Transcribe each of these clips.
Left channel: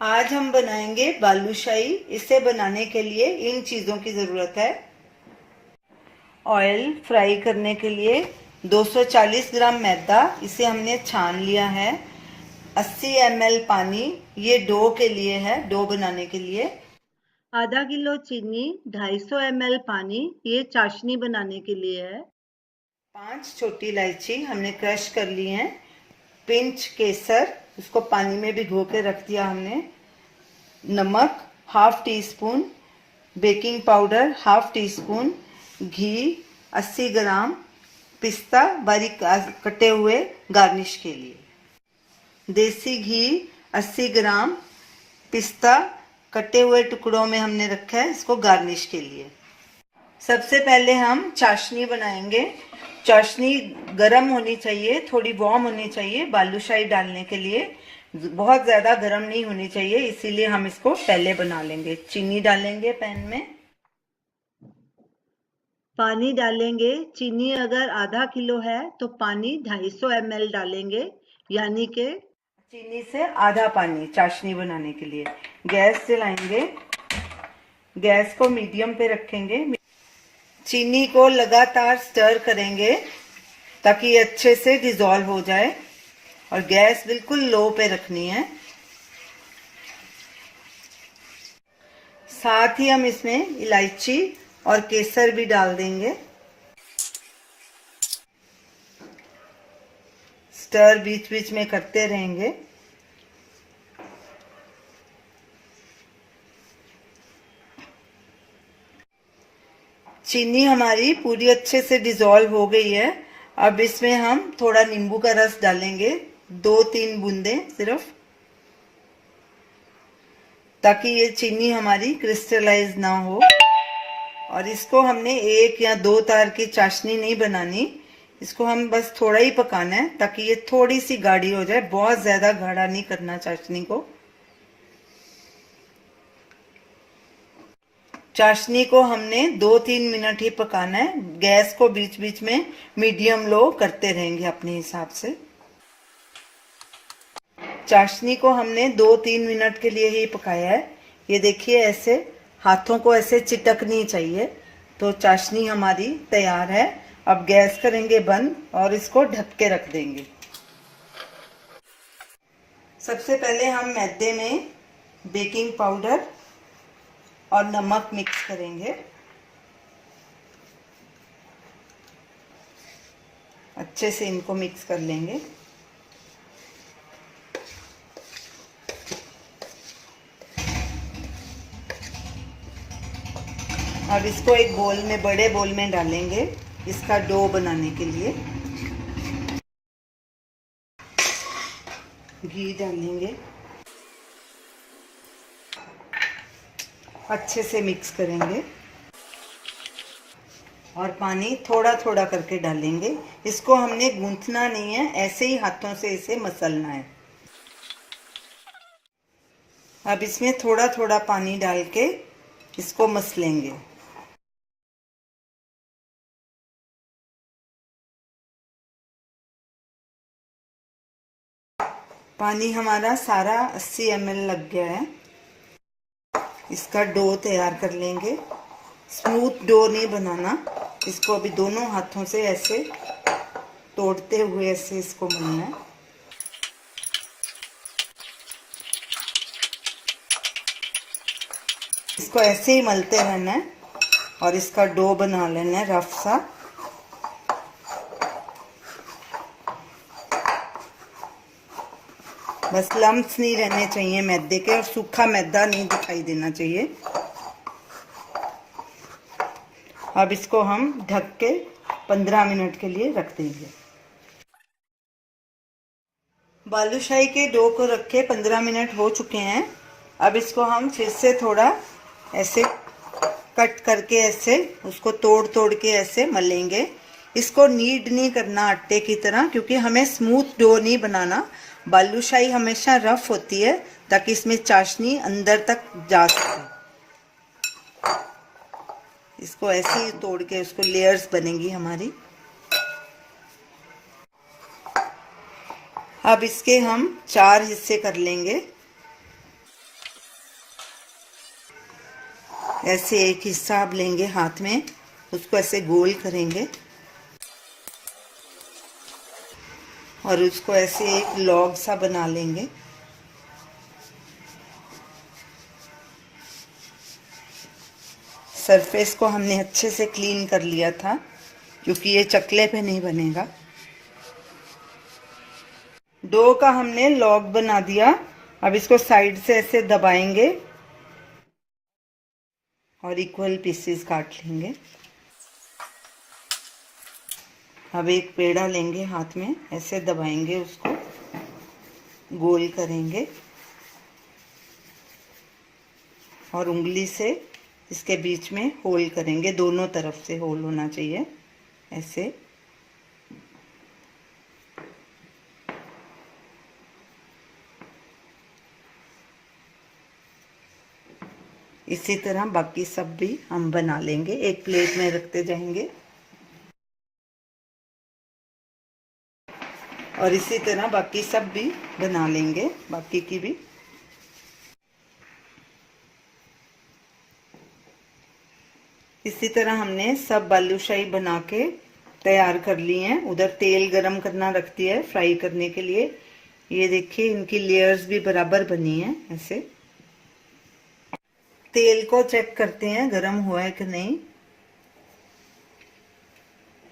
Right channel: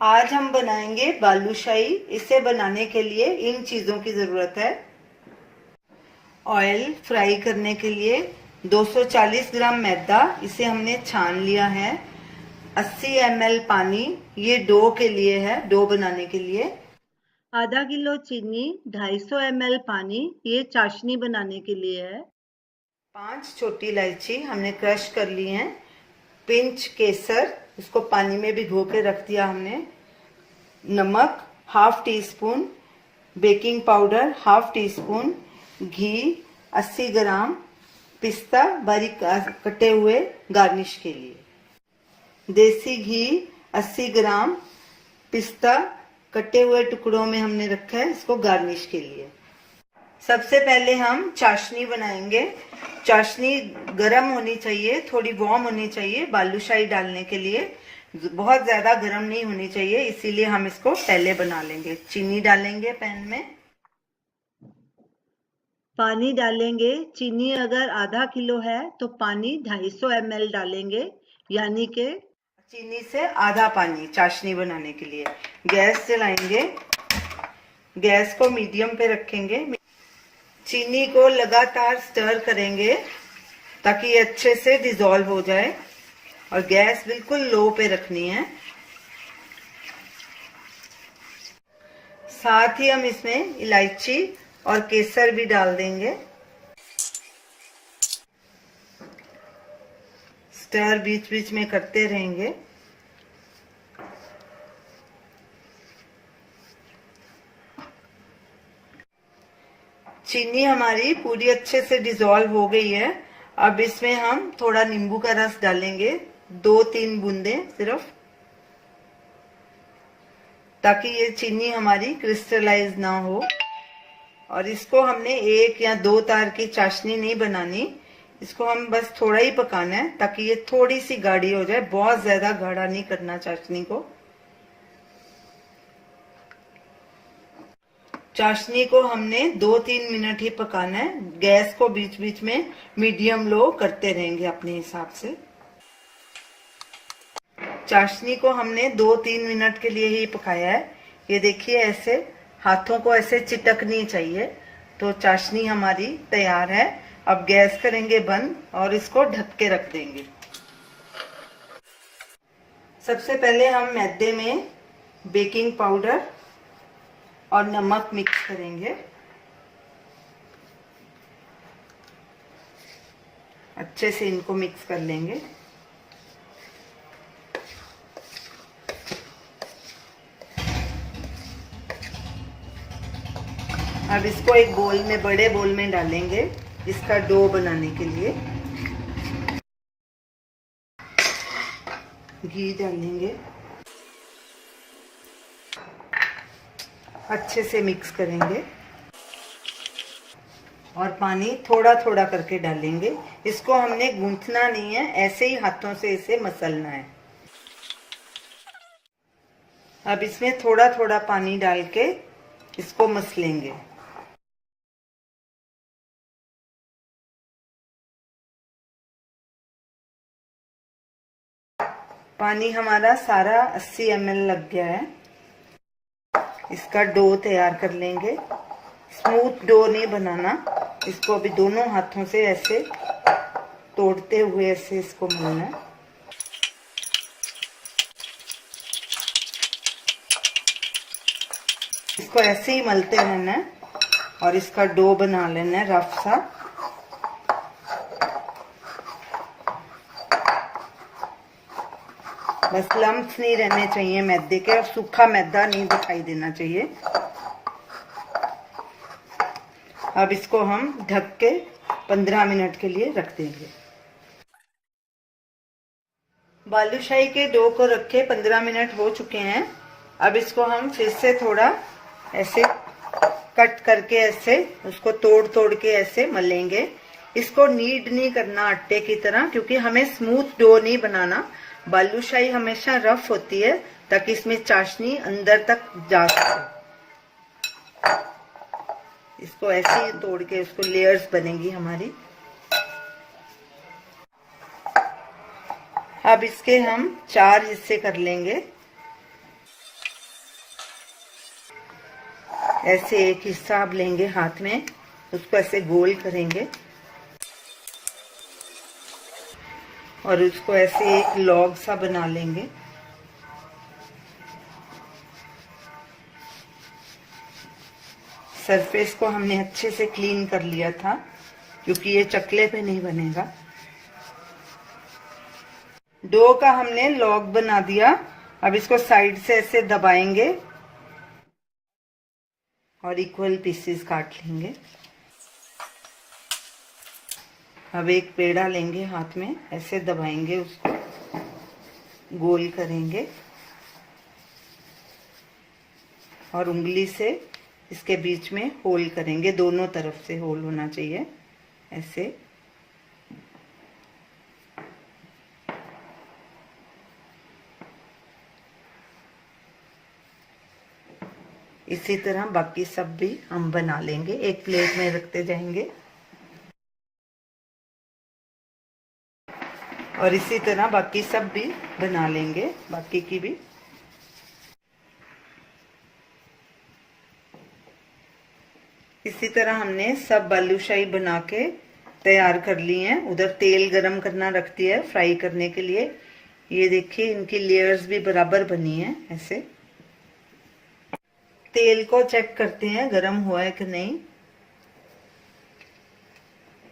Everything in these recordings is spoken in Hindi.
आज हम बनाएंगे बालूशाही। इसे बनाने के लिए इन चीज़ों की ज़रूरत है। ऑयल फ्राई करने के लिए 240 ग्राम मैदा, इसे हमने छान लिया है। 80 ml पानी, ये डो के लिए है, डो बनाने के लिए। आधा किलो चीनी, 250 ml पानी, ये चाशनी बनाने के लिए है। 5 छोटी इलायची हमने क्रश कर ली हैं। पिंच केसर, उसको पानी में भिगो के रख दिया हमने। नमक half teaspoon, baking powder half teaspoon, घी 80 ग्राम, पिस्ता बारीक कटे हुए गार्निश के लिए, देसी घी 80 ग्राम, पिस्ता कटे हुए टुकड़ों में हमने रखा है इसको गार्निश के लिए। सबसे पहले हम चाशनी बनाएंगे। चाशनी गरम होनी चाहिए, थोड़ी वार्म होनी चाहिए बालूशाही डालने के लिए। बहुत ज्यादा गरम नहीं होनी चाहिए, इसीलिए हम इसको पहले बना लेंगे। चीनी डालेंगे पैन में, पानी डालेंगे। चीनी अगर आधा किलो है तो पानी 250 ml डालेंगे, यानी कि चीनी से आधा पानी चाशनी बनाने के लिए। गैस जलाएंगे, गैस को मीडियम पे रखेंगे। चीनी को लगातार स्टर करेंगे ताकि ये अच्छे से डिजोल्व हो जाए, और गैस बिल्कुल लो पे रखनी है। साथ ही हम इसमें इलायची और केसर भी डाल देंगे। स्टर बीच बीच में करते रहेंगे। चीनी हमारी पूरी अच्छे से डिजोल्व हो गई है। अब इसमें हम थोड़ा नींबू का रस डालेंगे, 2-3 बूंदें सिर्फ, ताकि ये चीनी हमारी क्रिस्टलाइज ना हो। और इसको हमने 1 या 2 तार की चाशनी नहीं बनानी, इसको हम बस थोड़ा ही पकाना है ताकि ये थोड़ी सी गाढ़ी हो जाए। बहुत ज्यादा गाढ़ा नहीं करना चाशनी को। चाशनी को हमने 2-3 मिनट ही पकाना है। गैस को बीच बीच में मीडियम लो करते रहेंगे अपने हिसाब से। चाशनी को हमने 2-3 मिनट के लिए ही पकाया है। ये देखिए, ऐसे हाथों को ऐसे चिटकनी चाहिए, तो चाशनी हमारी तैयार है। अब गैस करेंगे बंद और इसको ढक के रख देंगे। सबसे पहले हम मैदे में बेकिंग पाउडर और नमक मिक्स करेंगे। अच्छे से इनको मिक्स कर लेंगे। अब इसको एक बोल में, बड़े बोल में डालेंगे इसका डो बनाने के लिए। घी डालेंगे, अच्छे से मिक्स करेंगे और पानी थोड़ा थोड़ा करके डालेंगे। इसको हमने गूंथना नहीं है, ऐसे ही हाथों से इसे मसलना है। अब इसमें थोड़ा थोड़ा पानी डाल के इसको मसलेंगे। पानी हमारा सारा 80 ml लग गया है। इसका डो तैयार कर लेंगे। स्मूथ डो नहीं बनाना, इसको अभी दोनों हाथों से ऐसे तोड़ते हुए ऐसे इसको मलना है। इसको ऐसे ही मलते रहना है और इसका डो बना लेना है रफ सा। बस लम्प्स नहीं रहने चाहिए मैदे के, और सूखा मैदा नहीं दिखाई देना चाहिए। अब इसको हम ढक के 15 मिनट के लिए रख देंगे। बालूशाही के डो को रखे 15 मिनट हो चुके हैं। अब इसको हम फिर से थोड़ा ऐसे कट करके ऐसे उसको तोड़ तोड़ के ऐसे मलेंगे। इसको नीड नहीं करना आटे की तरह, क्योंकि हमें स्मूथ डो नहीं बनाना। बालूशाही हमेशा रफ होती है ताकि इसमें चाशनी अंदर तक जा सके। इसको ऐसे ही तोड़ के इसको लेयर्स बनेगी हमारी। अब इसके हम 4 हिस्से कर लेंगे। ऐसे एक हिस्सा आप लेंगे हाथ में, उसको ऐसे गोल करेंगे और उसको ऐसे एक लॉग सा बना लेंगे। सरफेस को हमने अच्छे से क्लीन कर लिया था क्योंकि ये चकले पे नहीं बनेगा। डो का हमने लॉग बना दिया। अब इसको साइड से ऐसे दबाएंगे और इक्वल पीसेस काट लेंगे। अब एक पेड़ा लेंगे हाथ में, ऐसे दबाएंगे, उसको गोल करेंगे और उंगली से इसके बीच में होल करेंगे। दोनों तरफ से होल होना चाहिए ऐसे। इसी तरह बाकी सब भी हम बना लेंगे, एक प्लेट में रखते जाएंगे और इसी तरह बाकी सब भी बना लेंगे, बाकी की भी। इसी तरह हमने सब बालूशाही बना के तैयार कर ली हैं। उधर तेल गरम करना रख दिया है फ्राई करने के लिए। ये देखिए इनकी लेयर्स भी बराबर बनी है ऐसे। तेल को चेक करते हैं गरम हुआ है कि नहीं।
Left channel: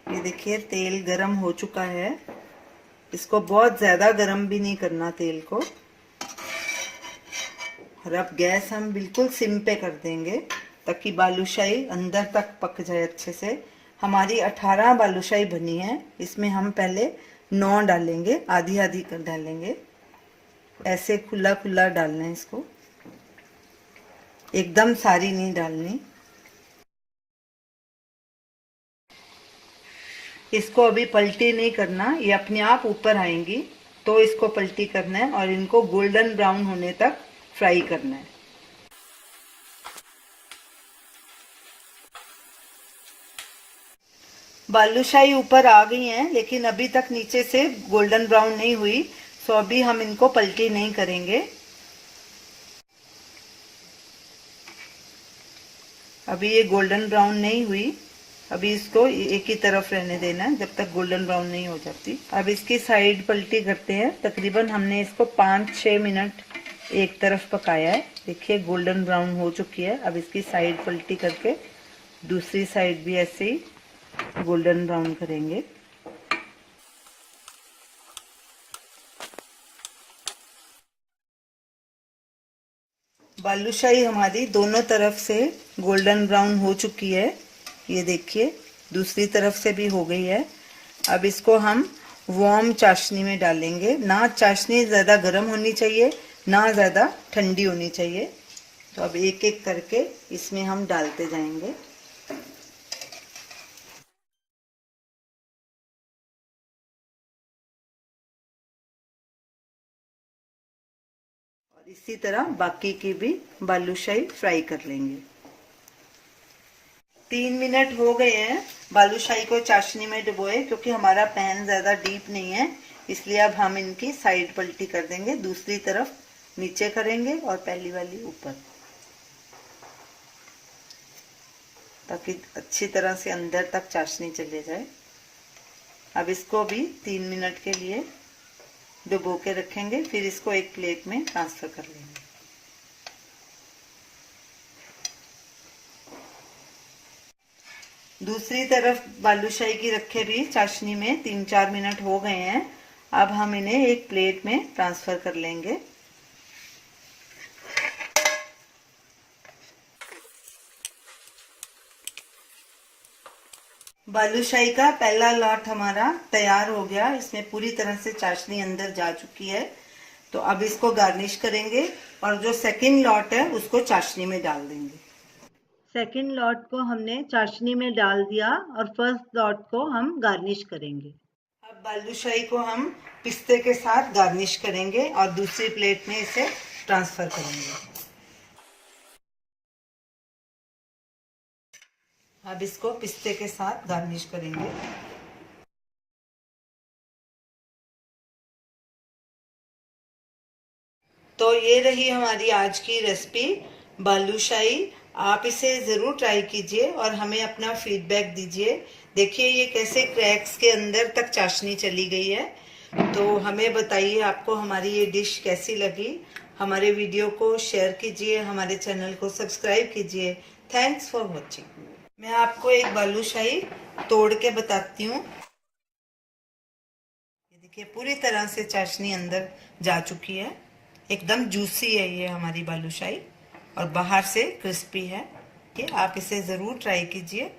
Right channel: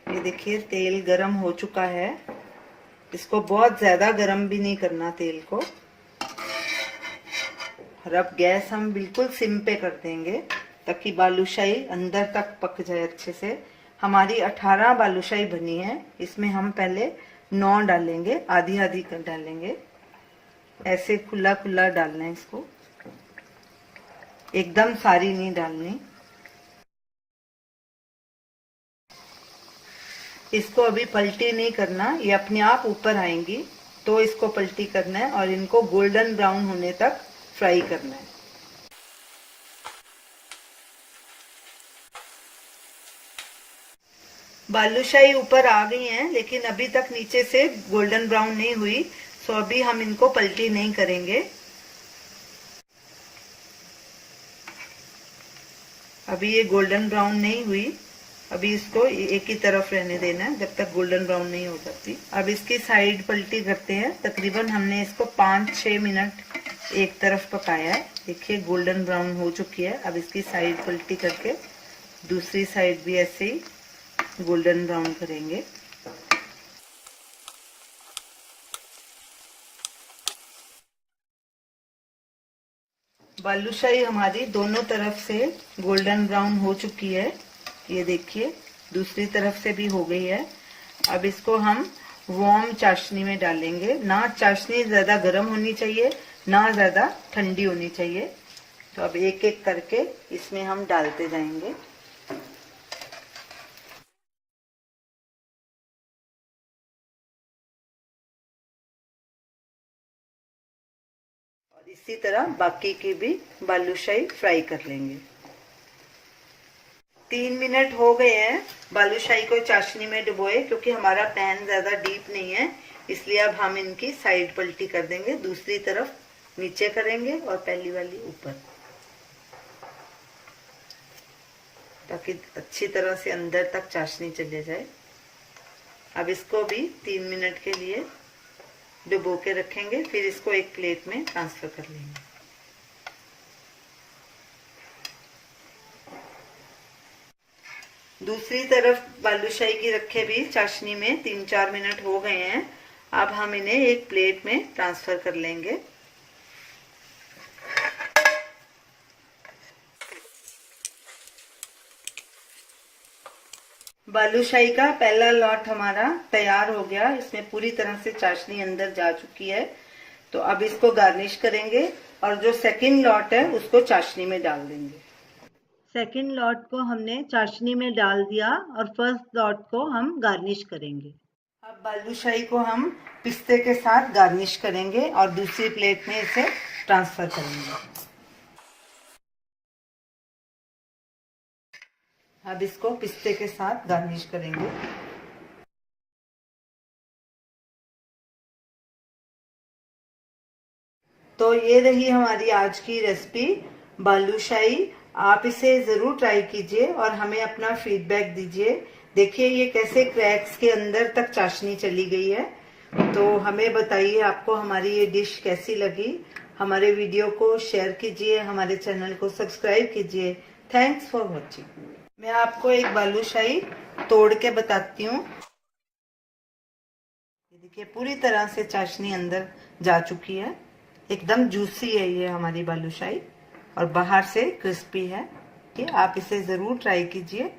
ये देखिए तेल गरम हो चुका है। इसको बहुत ज्यादा गरम भी नहीं करना तेल को। और अब गैस हम बिल्कुल सिम पे कर देंगे ताकि बालूशाही अंदर तक पक जाए अच्छे से। हमारी 18 बालूशाही बनी है, इसमें हम पहले 9 डालेंगे, आधी आधी कर डालेंगे। ऐसे खुला खुला डालना है इसको, एकदम सारी नहीं डालनी। इसको अभी पलटी नहीं करना, ये अपने आप ऊपर आएंगी तो इसको पलटी करना है और इनको गोल्डन ब्राउन होने तक फ्राई करना है। बालूशाही ऊपर आ गई हैं लेकिन अभी तक नीचे से गोल्डन ब्राउन नहीं हुई, तो अभी हम इनको पलटी नहीं करेंगे। अभी ये गोल्डन ब्राउन नहीं हुई, अभी इसको एक ही तरफ रहने देना है जब तक गोल्डन ब्राउन नहीं हो जाती। अब इसकी साइड पलटी करते हैं। तकरीबन हमने इसको 5-6 मिनट एक तरफ पकाया है। देखिए गोल्डन ब्राउन हो चुकी है। अब इसकी साइड पलटी करके दूसरी साइड भी ऐसे ही गोल्डन ब्राउन करेंगे। बालूशाही हमारी दोनों तरफ से गोल्डन ब्राउन हो चुकी है। ये देखिए दूसरी तरफ से भी हो गई है। अब इसको हम वार्म चाशनी में डालेंगे। ना चाशनी ज्यादा गर्म होनी चाहिए ना ज्यादा ठंडी होनी चाहिए। तो अब एक एक करके इसमें हम डालते जाएंगे। और इसी तरह बाकी की भी बालूशाही फ्राई कर लेंगे। 3 मिनट हो गए हैं बालूशाही को चाशनी में डुबोए, क्योंकि हमारा पैन ज्यादा डीप नहीं है इसलिए अब हम इनकी साइड पलटी कर देंगे। दूसरी तरफ नीचे करेंगे और पहली वाली ऊपर, ताकि अच्छी तरह से अंदर तक चाशनी चले जाए। अब इसको भी 3 मिनट के लिए डुबो के रखेंगे, फिर इसको एक प्लेट में ट्रांसफर कर लेंगे। दूसरी तरफ बालूशाही की रखे भी चाशनी में 3-4 मिनट हो गए हैं। अब हम इन्हें एक प्लेट में ट्रांसफर कर लेंगे। बालूशाही का पहला लॉट हमारा तैयार हो गया। इसमें पूरी तरह से चाशनी अंदर जा चुकी है। तो अब इसको गार्निश करेंगे और जो सेकंड लॉट है उसको चाशनी में डाल देंगे। सेकंड लॉट को हमने चाशनी में डाल दिया और फर्स्ट लॉट को हम गार्निश करेंगे। अब बालूशाही को हम पिस्ते के साथ गार्निश करेंगे और दूसरी प्लेट में इसे ट्रांसफर करेंगे। अब इसको पिस्ते के साथ गार्निश करेंगे। तो ये रही हमारी आज की रेसिपी, बालूशाही आप इसे ज़रूर ट्राई कीजिए और हमें अपना फीडबैक दीजिए। देखिए ये कैसे क्रैक्स के अंदर तक चाशनी चली गई है। तो हमें बताइए आपको हमारी ये डिश कैसी लगी। हमारे वीडियो को शेयर कीजिए, हमारे चैनल को सब्सक्राइब कीजिए। Thanks for watching. मैं आपको एक बालूशाही तोड़ के बताती हूँ। ये देखिए पूरी तरह से चाशनी अंदर जा चुकी है, एकदम जूसी है ये हमारी बालूशाही और बाहर से क्रिस्पी है। कि आप इसे ज़रूर ट्राई कीजिए।